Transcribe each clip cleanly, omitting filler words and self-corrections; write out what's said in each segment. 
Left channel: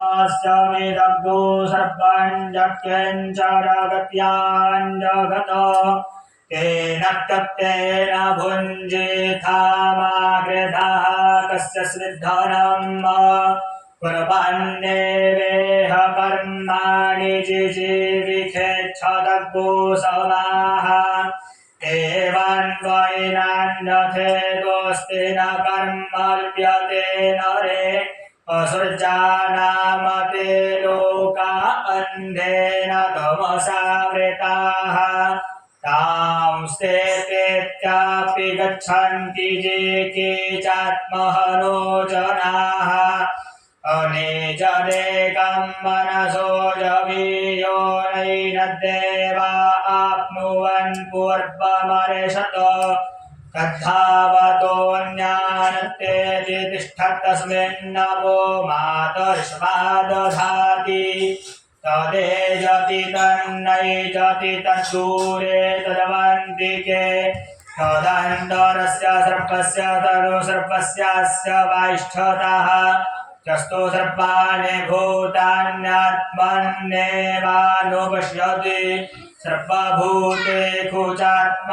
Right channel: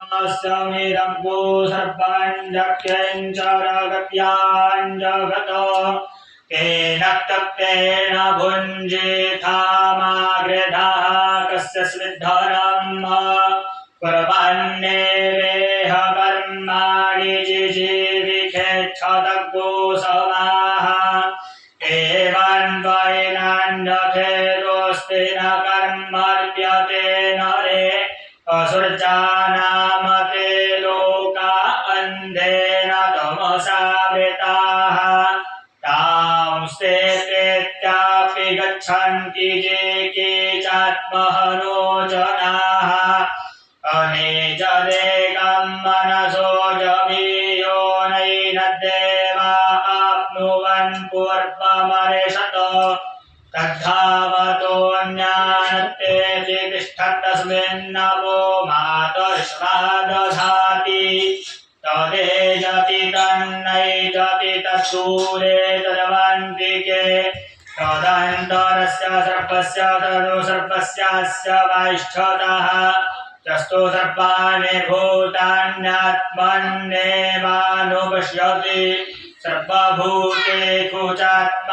अस्यमिदग्गो सर्पाञ्जक्यञ्चरगत्याञ्जगत केन तप्तेन भुञ्जेथामाग्रेधाः कस्य स्विद्धनम् कुर्वन्नेवेह कर्माणि जिजीविषेच्छदग्गो समाः एवं द्वैनान्यखेदोऽस्ति न कर्मर्प्यते नरे असुर्जानामते लोका अन्धेन तमसावृताः तांस्ते तेत्यापि गच्छन्ति ये केचात्महनो जनाः अनिजदेकं मनसो जवीयो नैनद्देवा आप्नुवन् पूर्वमर्षत तद्धावतोऽन्यानत्तेति तिष्ठत्तस्मिन्नवो मातर्ष्वा दधाति तदेजति तन्नैजति तद्दूरे तदवन्तिके तदन्तरस्य सर्पस्य तदुसर्पस्यास्य वाष्ठतः तस्थो सर्पाणि भूतान्यात्मन्नेवानुपश्यति सर्वभूते कुचात्मानन्ततो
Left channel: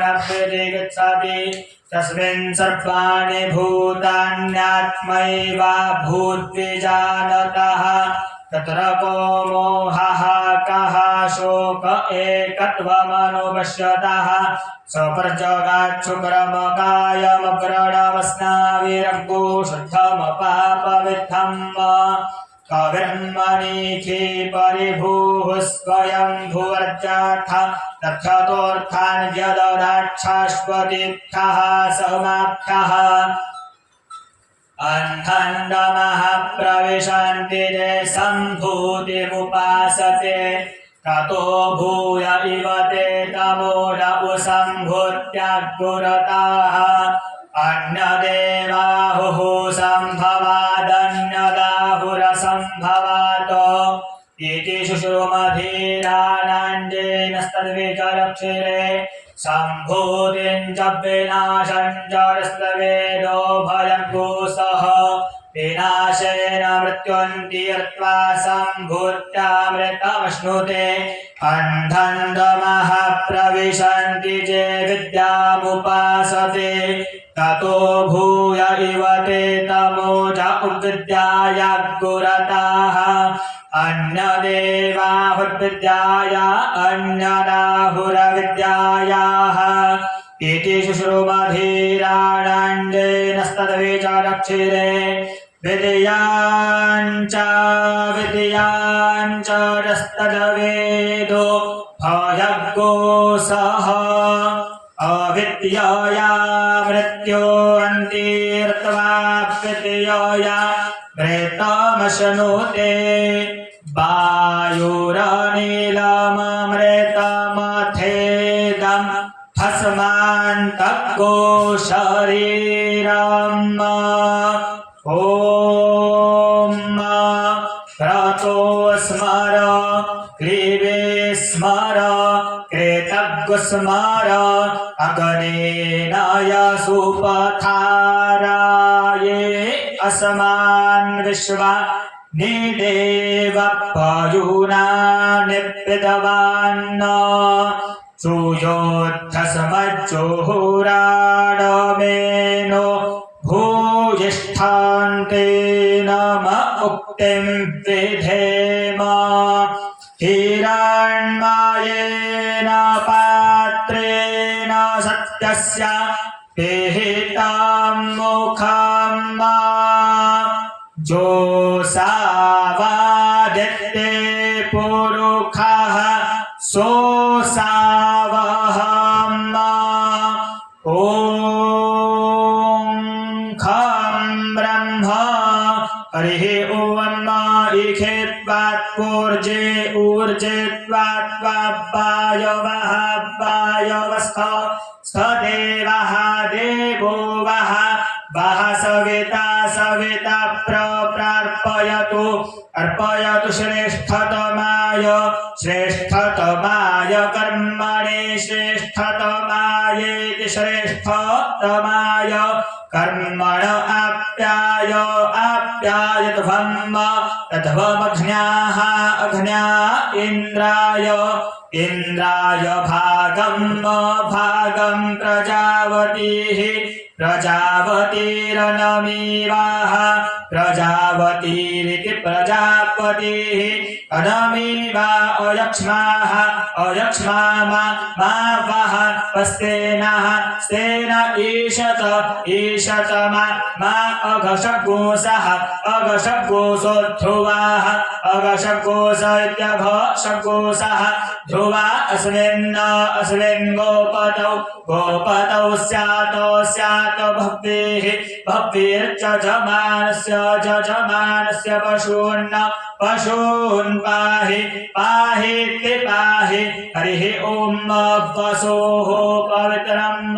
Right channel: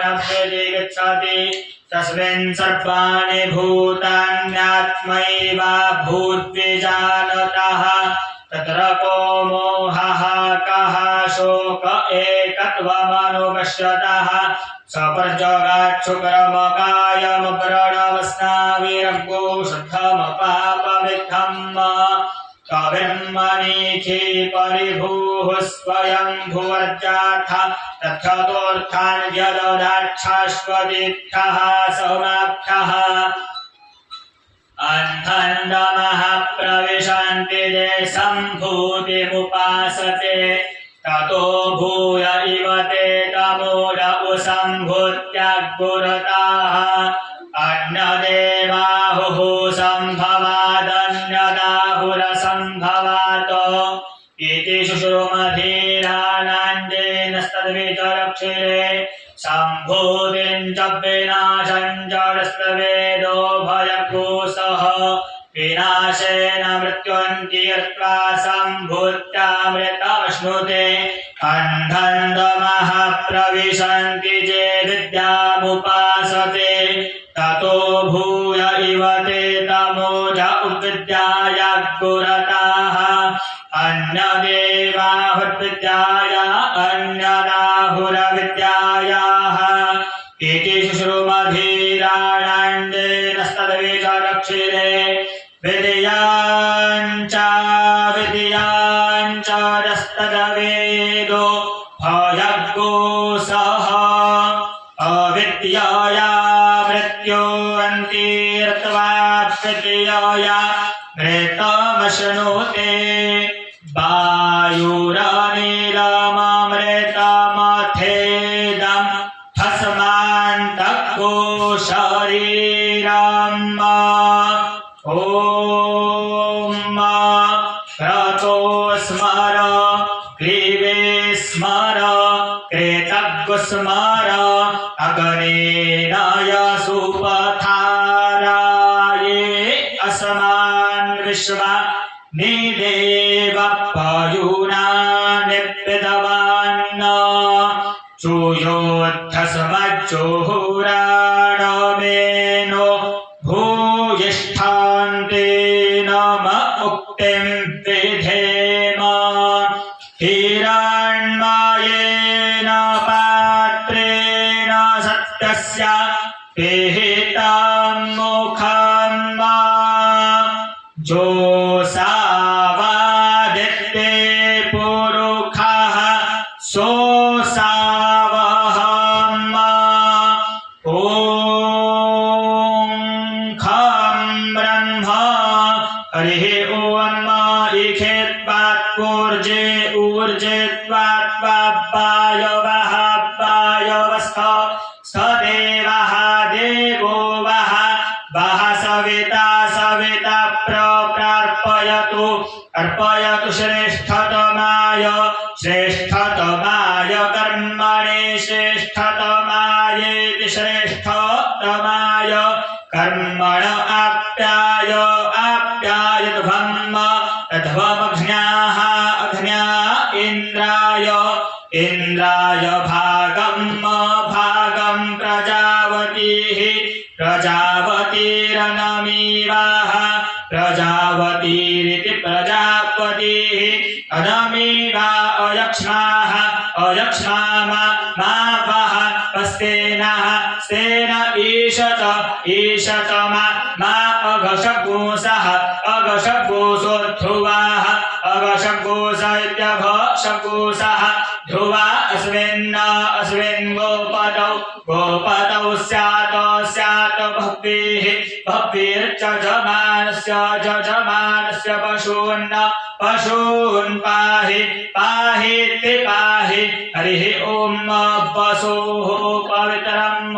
न प्रतिगच्छति तस्मिन् सर्वाणि भूतान्यात्मैवा भूद्विजानतः तत्र को मोहः कः शोक एकत्वमनुपश्यतः सपर्जगाच्छुक्रमकायमग्रणवस्नाविरग्गो शुद्धमपापविद्धम् कविर्मणिखि परिभूः स्वयं भुवर्जाथ तथ्यतोऽर्थान् यददाच्छाश्वतीभ्यः समाभ्यः अन्धन्दमः प्रविशन्ति ये सम्भूतिमुपासते ततो भूय इव ते तमोद उसम्भूत्याग्गुरताः अन्यदेवाहुः सम्भवादन्यदाहुरसम्भवात् इति शुश्रुमधीरानाञ्जेनस्तद्विचरक्षिरे सम्भूतिं च विनाशं च यस्तवेदो भयग्गोसः विनाशेन मृत्युन्तीर्त्वा सम्भूत्यामृतमश्नुते अन्धन्दमः प्रविशन्ति ये विद्यामुपासते ततो भूय इव ते तमोज उद्विद्यायाग्गुरताः अन्यदेवाहुर्विद्याया अन्यदाहुरविद्यायाः इति शुश्रुमधीराणाञ्जेनस्तद्विचरक्षिरे विद्याञ्च यस्तद्वेदो भयग्गोसः अविद्यया मृत्योऽन्तीर्त्वा विद्यया मृतमश्नुते वायुरनिलममृतमथेदं भस्मान्तको शरीरम् ॐ क्रतो स्मर क्लीबे स्मर कृतज्ञ स्मर अग्नेनाय सुपथाराये अस्मान् विश्वा निदेव पयुना निप्पितवान् चूयोद्धस्मज्जोहुराडमेनो भूयिष्ठान्ते नम उक्तिं विधेम हिरण्मयेन पात्रेण सत्यस्य पिहितं मुखं जोसावादित्ये पुरुषः सोऽसावहम् ॐ खं ब्रह्म हरिः ॐ इखेत्वात्पूर्जे ऊर्जे त्वात्वायवः वायवस्थ सदेवः देवो वः वः सविता सविता प्रार्पयतु अर्पयतु श्रेष्ठतमाय श्रेष्ठतमाय कर्मणे श्रेष्ठतमायेति श्रेष्ठतमाय कर्मण आप्यायध्वम् अध्वमघ्न्याः अघ्न्या इन्द्राय भागं प्रजावतीरनमीवाः प्रजावतीरिति प्रजापतिः अनमीवा अयक्ष्मा मा वः स्तेनः स्तेन ईशत मा अघशगोसः अघशगोसो ध्रुवाः अघशगोस इत्यघशगोसः ध्रुवा अस्मिन् गोपतौ स्यात् भव्यैर्जजमानस्य पशून् पाहीति पाहि हरिः ॐ वसोः पवित्रम्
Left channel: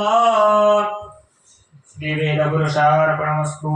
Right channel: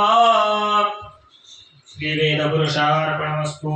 श्रीवेदपुरुषार्पणमस्तु।